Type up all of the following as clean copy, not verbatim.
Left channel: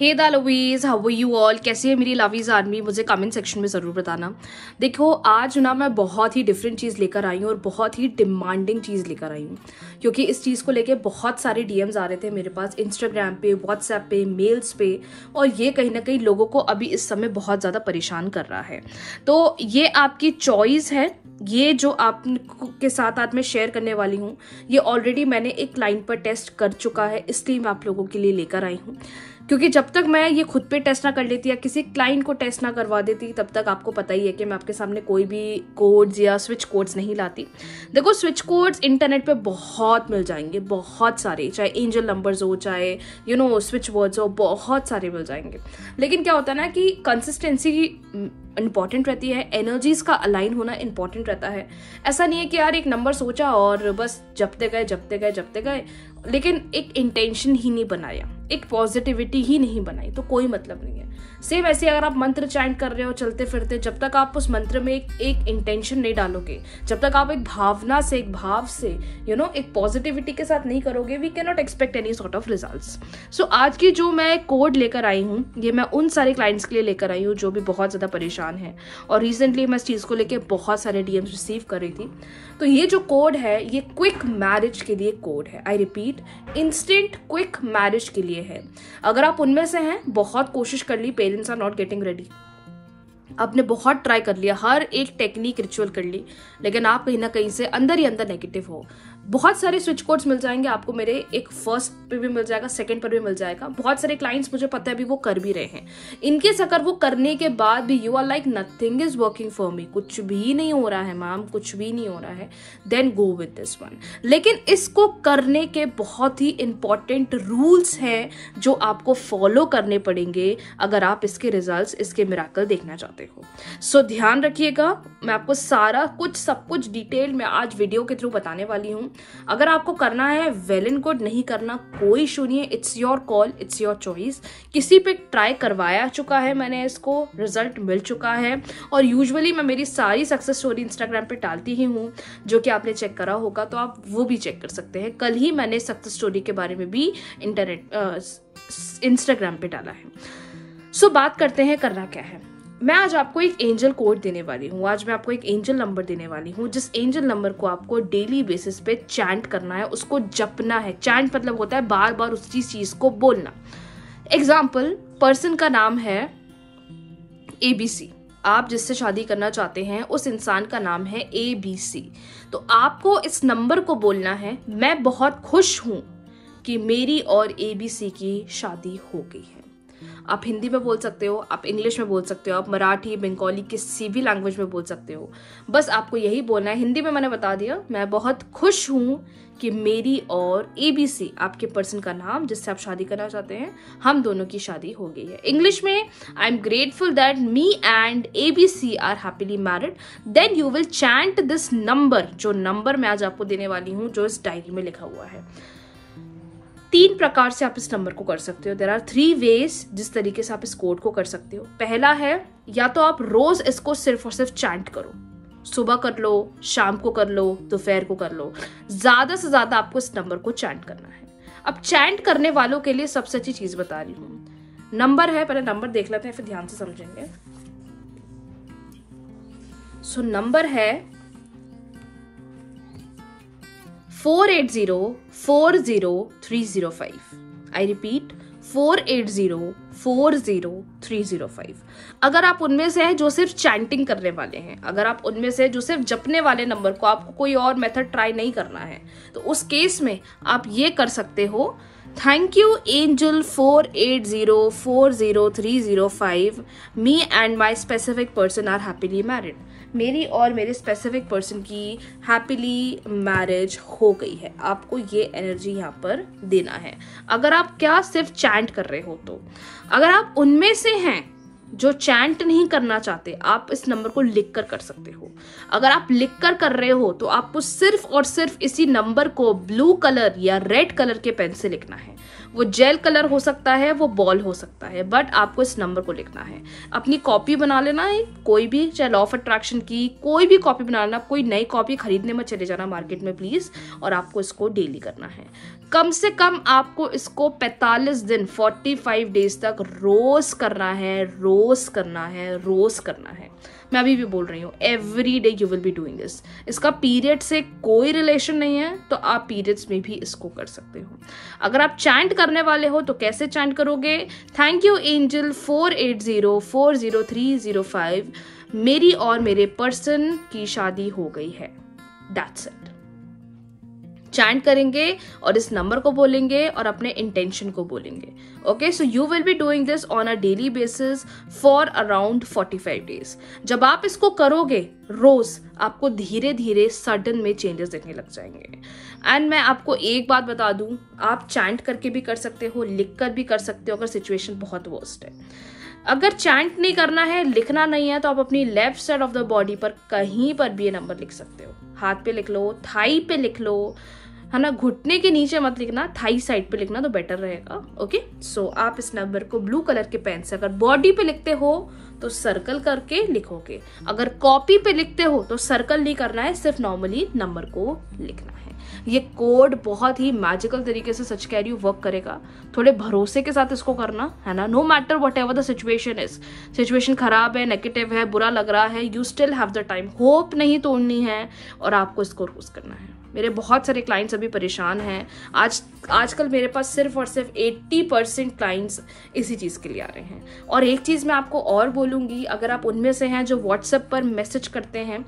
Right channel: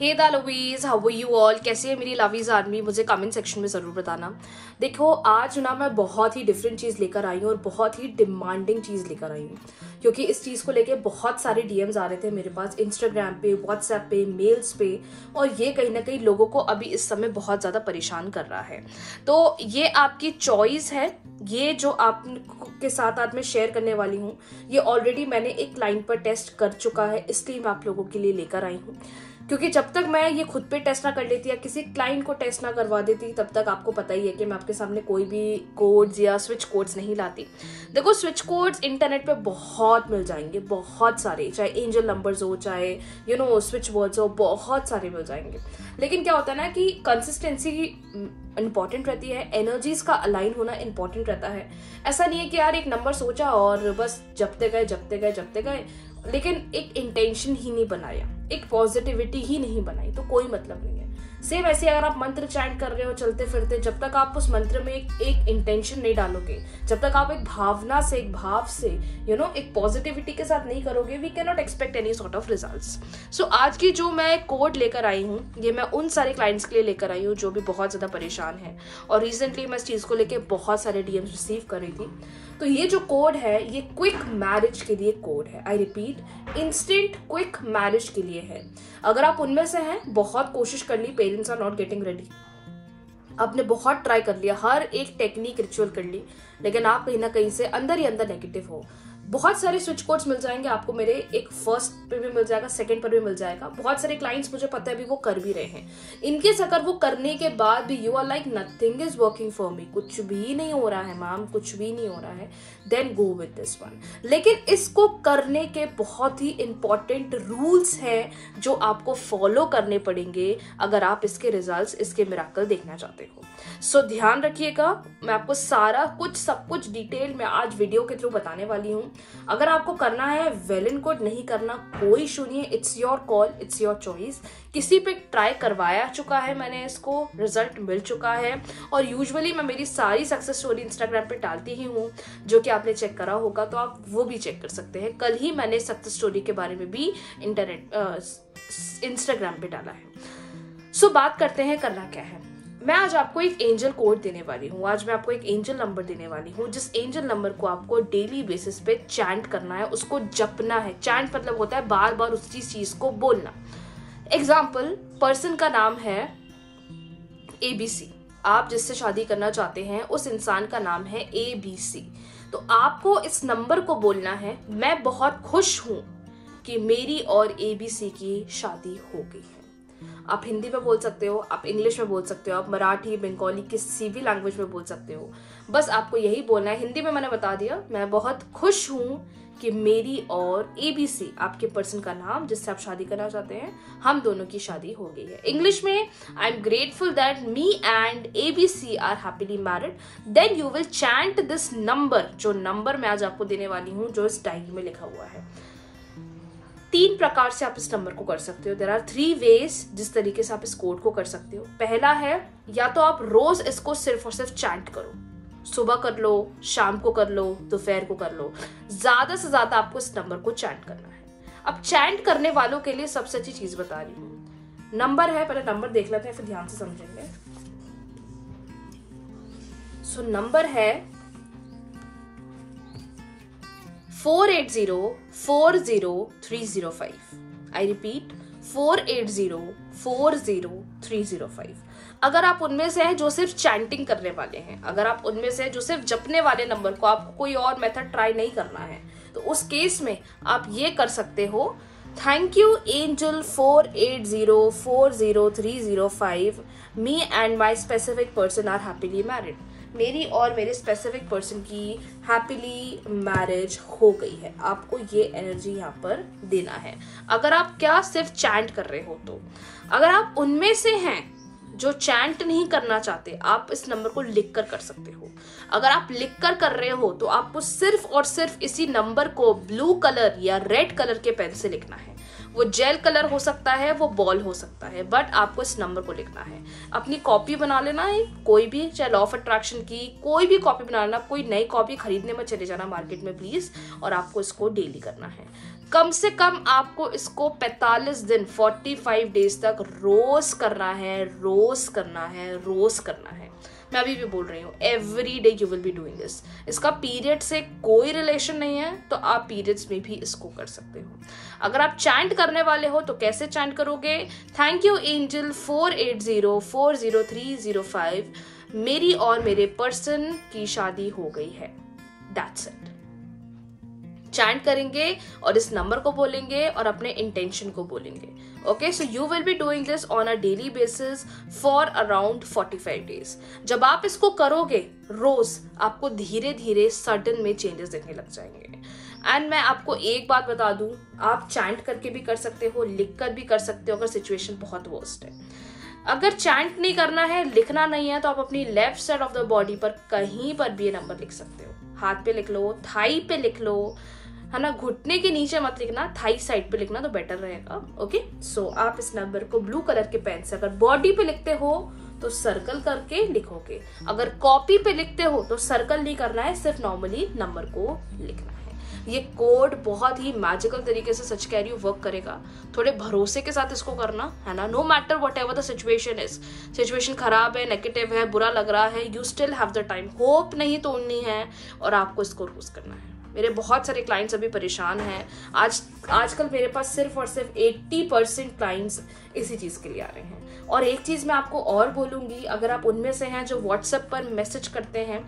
Hey the lovies, how are you all? कैसे है मेरी लवीज आर्मी? मुझे कमेंट सेक्शन में ज़रूर बताना। देखो आज ना मैं बहुत ही डिफरेंट चीज़ लेकर आई हूँ और बहुत ही डिमांडिंग चीज़ लेकर आई हूँ, क्योंकि इस चीज़ को लेके बहुत सारे डीएम्स आ रहे थे मेरे पास इंस्टाग्राम पे, व्हाट्सएप पे, मेल्स पे, और ये कहीं ना कहीं लोगों को अभी इस समय बहुत ज़्यादा परेशान कर रहा है। तो ये आपकी चॉइस है। ये जो आप के साथ आज मैं शेयर करने वाली हूँ, ये ऑलरेडी मैंने एक क्लाइंट पर टेस्ट कर चुका है, इसलिए मैं आप लोगों के लिए लेकर आई हूँ। क्योंकि जब तक मैं ये खुद पे टेस्ट ना कर लेती या किसी क्लाइंट को टेस्ट ना करवा देती, तब तक आपको पता ही है कि मैं आपके सामने कोई भी कोड्स या स्विच कोड्स नहीं लाती। देखो स्विच कोड्स इंटरनेट पे बहुत मिल जाएंगे, बहुत सारे, चाहे एंजल नंबर्स हो, चाहे स्विच वर्ड्स हो, बहुत सारे मिल जाएंगे। लेकिन क्या होता है ना कि कंसिस्टेंसी इंपॉर्टेंट रहती है, एनर्जीज का अलाइन होना इंपॉर्टेंट रहता है। ऐसा नहीं है कि यार एक नंबर सोचा और बस जपते गए, लेकिन एक इंटेंशन ही नहीं बनाया, एक पॉजिटिविटी ही नहीं बनाई, तो कोई मतलब नहीं है। सेम ऐसे अगर आप मंत्र चैंट कर रहे हो चलते फिरते, जब तक आप उस मंत्र में एक इंटेंशन नहीं डालोगे, जब तक आप एक भावना से, एक भाव से एक पॉजिटिविटी के साथ नहीं करोगे, we can not expect any sort of results. So आज की जो मैं कोड लेकर आई हूँ, ये मैं उन सारे क्लाइंट्स के लिए लेकर आई हूँ जो भी बहुत ज्यादा परेशान है, और रिसेंटली मैं इस चीज को लेकर बहुत सारे डीएम्स रिसीव कर रही थी। तो ये जो कोड है, ये क्विक मैरिज के लिए कोड है। I repeat, instant quick marriage के लिए है। अगर आप उनमें से हैं, बहुत कोशिश कर ली, parents are not getting ready, आपने बहुत ट्राई कर लिया, हर एक टेक्निक रिचुअल कर ली, लेकिन आप कहीं ना कहीं से अंदर ही अंदर नेगेटिव हो। बहुत सारे स्विच कोड्स मिल जाएंगे आपको मेरे, एक फर्स्ट पे भी मिल जाएगा, सेकंड पर भी मिल जाएगा। बहुत सारे क्लाइंट्स मुझे पता है अभी वो कर भी रहे हैं। इनकेस अगर वो करने के बाद भी you are like nothing is working for me, कुछ भी नहीं हो रहा है मैम, कुछ भी नहीं हो रहा है, then go with this one. लेकिन इसको करने के बहुत ही इंपॉर्टेंट रूल्स हैं जो आपको फॉलो करने पड़ेंगे अगर आप इसके रिजल्ट्स, इसके मिराकल देखना चाहते हो। सो ध्यान रखिएगा, मैं आपको सारा कुछ, सब कुछ डिटेल में आज वीडियो के थ्रू बताने वाली हूँ। अगर आपको करना है वेल एंड गुड, नहीं करना कोई इशू नहीं है, it's your call, it's your choice. किसी पे ट्राई करवाया चुका है मैंने, इसको रिजल्ट मिल चुका है, और यूजुअली मैं मेरी सारी सक्सेस स्टोरी इंस्टाग्राम पे डालती ही हूँ, जो कि आपने चेक करा होगा, तो आप वो भी चेक कर सकते हैं। कल ही मैंने सक्सेस स्टोरी के बारे में भी इंस्टाग्राम पे डाला है। सो बात करते हैं करना क्या है। मैं आज आपको एक एंजल कोड देने वाली हूँ, आज मैं आपको एक एंजल नंबर देने वाली हूँ, जिस एंजल नंबर को आपको डेली बेसिस पे चैंट करना है, उसको जपना है। चैंट मतलब होता है बार बार उसी चीज को बोलना। एग्जाम्पल, पर्सन का नाम है ABC, आप जिससे शादी करना चाहते हैं उस इंसान का नाम है ABC। तो आपको इस नंबर को बोलना है, मैं बहुत खुश हूं कि मेरी और ABC की शादी हो गई है। आप हिंदी में बोल सकते हो, आप इंग्लिश में बोल सकते हो, आप मराठी, बंगाली, किसी भी लैंग्वेज में बोल सकते हो। बस आपको यही बोलना है। हिंदी में मैंने बता दिया, मैं बहुत खुश हूं कि मेरी और ABC, आपके पर्सन का नाम जिससे आप शादी करना चाहते हैं, हम दोनों की शादी हो गई है। इंग्लिश में, I am grateful that me and ABC are happily married. Then you will chant this number, जो नंबर मैं आज आपको देने वाली हूं, जो इस डायरी में लिखा हुआ है। 3 प्रकार से आप इस नंबर को कर सकते हो। देयर आर 3 वेज जिस तरीके से आप इस कोड को कर सकते हो। पहला है, या तो आप रोज इसको सिर्फ और सिर्फ चैंट करो, सुबह कर लो, शाम को कर लो, दोपहर को कर लो, ज्यादा से ज्यादा आपको इस नंबर को चैंट करना है। अब चैंट करने वालों के लिए सबसे अच्छी चीज बता रही हूं। नंबर है, पहले नंबर देख लेते हैं, फिर ध्यान से समझेंगे। सो नंबर है 480400305। I repeat, 480400305। अगर आप उनमें से हैं जो सिर्फ चैंटिंग करने वाले हैं, अगर आप उनमें से जो सिर्फ जपने वाले नंबर को, आपको कोई और मेथड ट्राई नहीं करना है, तो उस केस में आप ये कर सकते हो, thank you angel 480400305, me and my specific person are happily married. मेरी और मेरे स्पेसिफिक पर्सन की हैप्पीली मैरिज हो गई है। आपको ये एनर्जी यहाँ पर देना है। अगर आप क्या सिर्फ चैंट कर रहे हो, तो अगर आप उनमें से हैं जो चैंट नहीं करना चाहते, आप इस नंबर को लिख कर सकते हो। अगर आप लिख कर रहे हो, तो आपको सिर्फ और सिर्फ इसी नंबर को ब्लू कलर या रेड कलर के पेन से लिखना है। वो जेल कलर हो सकता है, वो बॉल हो सकता है, बट आपको इस नंबर को लिखना है। अपनी कॉपी बना लेना है, कोई भी, चाहे लॉ ऑफ अट्रैक्शन की कोई भी कॉपी बना लेना। कोई नई कॉपी खरीदने में चले जाना मार्केट में प्लीज, और आपको इसको डेली करना है। कम से कम आपको इसको 45 दिन 45 डेज तक रोज करना है, रोज करना है, रोज करना है। मैं अभी भी बोल रही हूँ, every day you will be doing this. इसका पीरियड से कोई रिलेशन नहीं है, तो आप पीरियड्स में भी इसको कर सकते हो। अगर आप चैंट करने वाले हो तो कैसे चैंट करोगे? थैंक यू एंजल 48040305, मेरी और मेरे पर्सन की शादी हो गई है। That's it. चैंट करेंगे और इस नंबर को बोलेंगे और अपने इंटेंशन को बोलेंगे। Okay, so you will be doing this on a daily basis for around 45 days. जब आप इसको करोगे रोज, आपको धीरे धीरे सडन में चेंजेस दिखने लग जाएंगे। एंड मैं आपको एक बात बता दूं, आप चैंट करके भी कर सकते हो, लिख कर भी कर सकते हो अगर सिचुएशन बहुत वर्स्ट है। अगर चैंट नहीं करना है, लिखना नहीं है, तो आप अपनी left side of the body पर कहीं पर भी ये नंबर लिख सकते हो। हाथ पे लिख लो, थाई पे लिख लो, है ना, घुटने के नीचे मत लिखना, थाई साइड पे लिखना तो बेटर रहेगा। ओके, सो आप इस नंबर को ब्लू कलर के पेन से अगर बॉडी पे लिखते हो तो सर्कल करके लिखोगे, अगर कॉपी पे लिखते हो तो सर्कल नहीं करना है, सिर्फ नॉर्मली नंबर को लिखना है। ये कोड बहुत ही मैजिकल तरीके से, सच कह रही हूँ, वर्क करेगा। थोड़े भरोसे के साथ इसको करना है ना, no matter whatever the situation is. Situation खराब है, नेगेटिव है, बुरा लग रहा है, you still have the time. Hope नहीं तोड़नी है और आपको इसको रोज करना है। मेरे बहुत सारे क्लाइंट्स अभी परेशान हैं। आजकल मेरे पास सिर्फ और सिर्फ 80% क्लाइंट्स इसी चीज के लिए आ रहे हैं। और एक चीज मैं आपको और बोलूंगी, अगर आप उनमें से हैं जो व्हाट्सएप पर मैसेज करते हैं,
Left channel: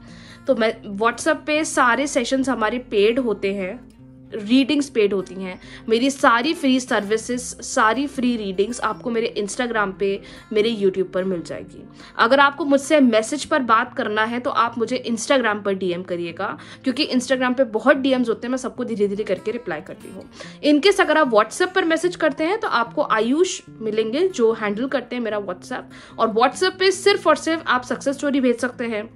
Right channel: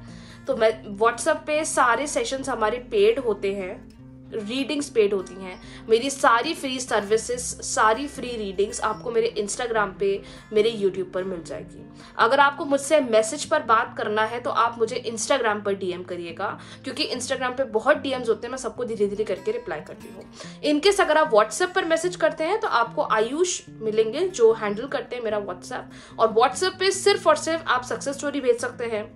तो मैं व्हाट्सएप पे सारे सेशंस हमारे पेड होते हैं, रीडिंग्स पेड होती हैं। मेरी सारी फ्री सर्विसेज, सारी फ्री रीडिंग्स आपको मेरे इंस्टाग्राम पे, मेरे यूट्यूब पर मिल जाएगी। अगर आपको मुझसे मैसेज पर बात करना है तो आप मुझे इंस्टाग्राम पर डीएम करिएगा, क्योंकि इंस्टाग्राम पे बहुत डीएम्स होते हैं, मैं सबको धीरे धीरे करके रिप्लाई करती हूँ। इनकेस अगर आप व्हाट्सएप पर मैसेज करते हैं तो आपको आयुष मिलेंगे जो हैंडल करते हैं मेरा व्हाट्सएप, और व्हाट्सएप पे सिर्फ और सिर्फ आप सक्सेस स्टोरी भेज सकते हैं,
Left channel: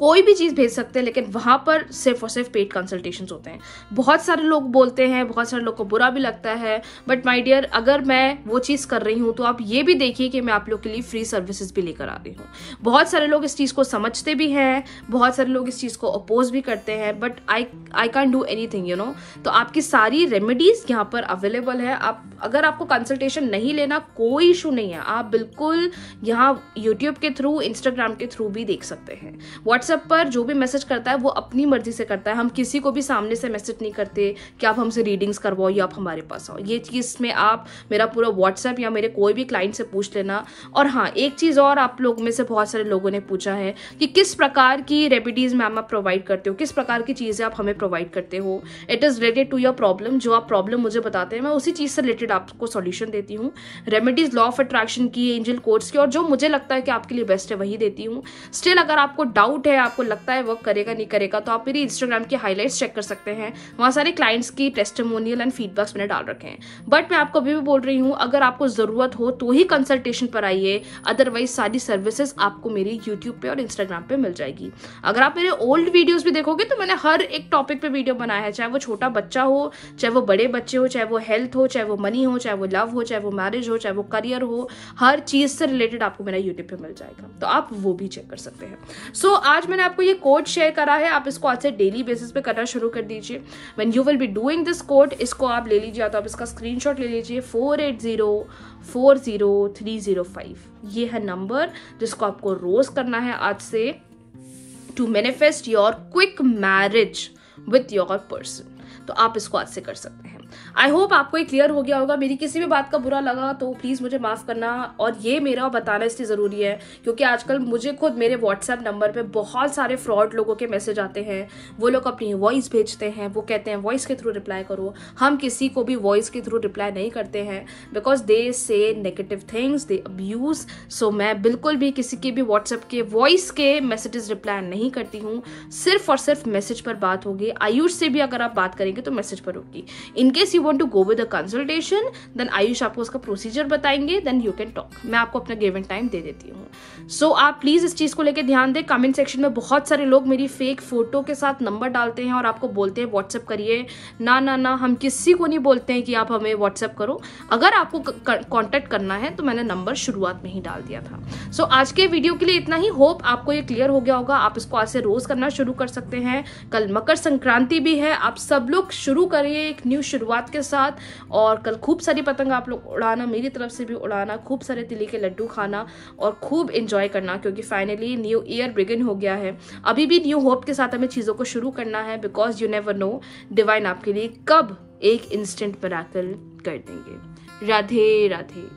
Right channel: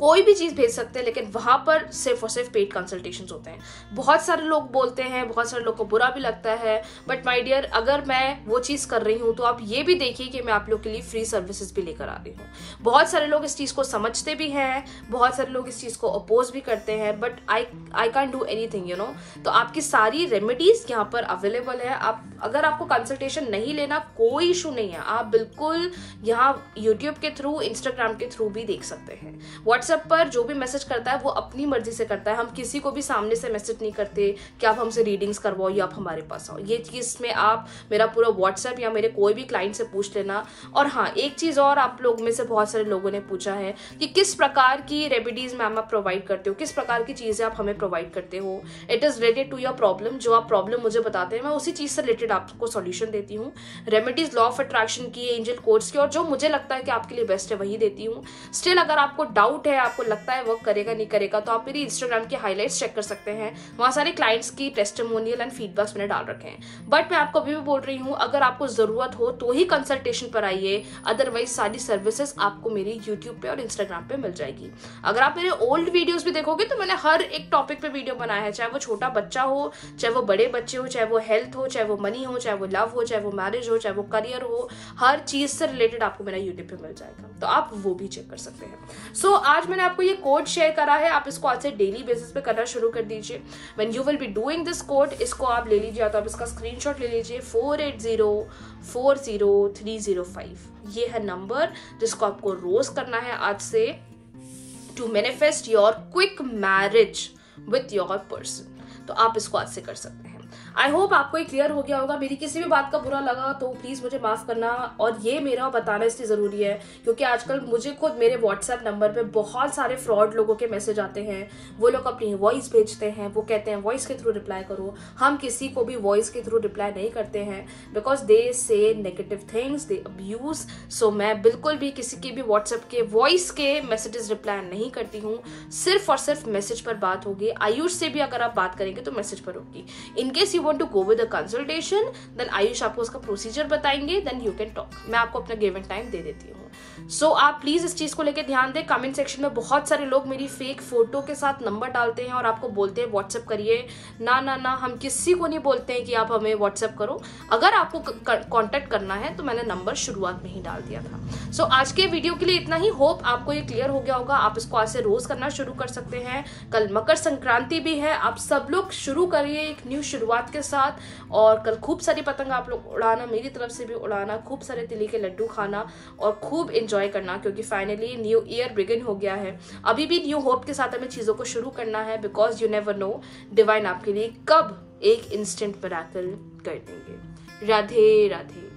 कोई भी चीज भेज सकते हैं, लेकिन वहां पर सिर्फ और सिर्फ पेड कंसल्टेशंस होते हैं। बहुत सारे लोग बोलते हैं, बहुत सारे लोग को बुरा भी लगता है, बट माय डियर, अगर मैं वो चीज कर रही हूं तो आप ये भी देखिए कि मैं आप लोग के लिए फ्री सर्विसेज भी लेकर आ रही हूँ। बहुत सारे लोग इस चीज को समझते भी हैं, बहुत सारे लोग इस चीज को अपोज भी करते हैं, but I can do anything, you know. तो आपकी सारी रेमेडीज यहाँ पर अवेलेबल है। आप अगर आपको कंसल्टेशन नहीं लेना, कोई इशू नहीं है, आप बिल्कुल यहाँ यूट्यूब के थ्रू, इंस्टाग्राम के थ्रू भी देख सकते हैं। व्हाट्सएप पर जो भी मैसेज करता है वो अपनी मर्जी से करता है। हम किसी को भी सामने से मैसेज नहीं करते कि आप हमसे रीडिंग्स करवाओ या आप हमारे पास आओ। ये चीज में आप मेरा पूरा व्हाट्सएप या मेरे कोई भी क्लाइंट से पूछ लेना। और हाँ, एक चीज और, आप लोग में से बहुत सारे लोगों ने पूछा है कि किस प्रकार की रेमेडीज मैम आप प्रोवाइड करते हो, किस प्रकार की चीजें आप हमें प्रोवाइड करते हो। It is related to your problem. जो आप प्रॉब्लम मुझे बताते हैं, मैं उसी चीज से रिलेटेड आपको सॉल्यूशन देती हूँ। रेमेडीज लॉ ऑफ अट्रैक्शन की, एंजल कोड्स की, और जो मुझे लगता है कि आपके लिए बेस्ट है वही देती हूँ। स्टिल अगर आपको डाउट है, आपको लगता है वर्क करेगा नहीं करेगा, तो आप मेरी इंस्टाग्राम के हाईलाइट्स चेक कर सकते हैं। वहां सारे क्लाइंट्स की टेस्टिमोनियल एंड फीडबैक्स मैंने डाल रखे हैं। बट मैं आपको अभी भी बोल रही हूँ, अगर आपको जरूरत हो तो ही कंसल्टेशन पर आइए, अदरवाइज सारी सर्विसेज आपको मेरी यूट्यूब पे और इंस्टाग्राम पे मिल जाएगी। अगर आप मेरे ओल्ड वीडियोज भी देखोगे तो मैंने हर एक टॉपिक पे वीडियो बनाया है, चाहे वो छोटा बच्चा हो, चाहे वो बड़े बच्चे हो, चाहे वो हेल्थ हो, चाहे वो मनी हो, चाहे वो लव हो, चाहे वो मैरिज हो, चाहे वो करियर हो, हर चीज से रिलेटेड आपको मेरा यूट्यूब पे मिल जाएगा, तो आप वो भी चेक कर सकते हैं। सो आज मैंने आपको ये कोड शेयर करा है, आप इसको आज से डेली बेसिस पे करना शुरू कर दीजिए। When you will be doing this code, इसको आप ले लीजिए, तो आप इसका स्क्रीनशॉट ले लीजिए। 48040305 ये है नंबर जिसको आपको रोज करना है आज से, to manifest your quick marriage with your person. तो आप इसको आज से कर सकते हैं। आई होप आपको ये क्लियर हो गया होगा। मेरी किसी भी बात का बुरा लगा तो प्लीज मुझे माफ करना, और ये मेरा बताना इसलिए जरूरी है क्योंकि आजकल मुझे खुद मेरे व्हाट्सएप नंबर पे बहुत सारे फ्रॉड लोगों के मैसेज आते हैं। वो लोग अपनी वॉइस भेजते हैं, वो कहते हैं वॉइस के थ्रू रिप्लाई करो। हम किसी को भी वॉइस के थ्रू रिप्लाई नहीं करते हैं, बिकॉज दे से नेगेटिव थिंग्स, दे अब्यूज। सो मैं बिल्कुल भी किसी के भी व्हाट्सएप के वॉइस के मैसेजेस रिप्लाई नहीं करती हूँ। सिर्फ और सिर्फ मैसेज पर बात होगी। आयुष से भी अगर आप बात करेंगे तो मैसेज पर होगी। इनके case you want to go with a consultation, then Ayush आपको उसका प्रोसीजर बताएंगे, देन यू कैन टॉक। मैं आपको अपना गिवन टाइम दे देती हूँ। सो आप प्लीज इस चीज को लेकर ध्यान दें। कमेंट सेक्शन में बहुत सारे लोग मेरी फेक फोटो के साथ नंबर डालते हैं और आपको बोलते हैं व्हाट्सएप करिए। ना ना ना, हम किसी को नहीं बोलते हैं कि आप हमें व्हाट्सएप करो। अगर आपको कांटेक्ट करना है तो मैंने नंबर शुरुआत में ही डाल दिया था। सो आज के वीडियो के लिए इतना ही। होप आपको ये क्लियर हो गया होगा। आप इसको आज से रोज करना शुरू कर सकते हैं। कल मकर संक्रांति भी है, आप सब लोग शुरू करिए एक न्यू शुरुआत के साथ। और कल खूब सारी पतंग आप लोग उड़ाना, मेरी तरफ से भी उड़ाना, खूब सारे तिले के लड्डू खाना और खूब एंजॉय करना, क्योंकि फाइनली न्यू ईयर बिगिन हो गया है। अभी भी न्यू होप के साथ हमें चीजों को शुरू करना है, because you never know divine आपके लिए कब एक इंस्टेंट मिरेकल कर देंगे। राधे राधे।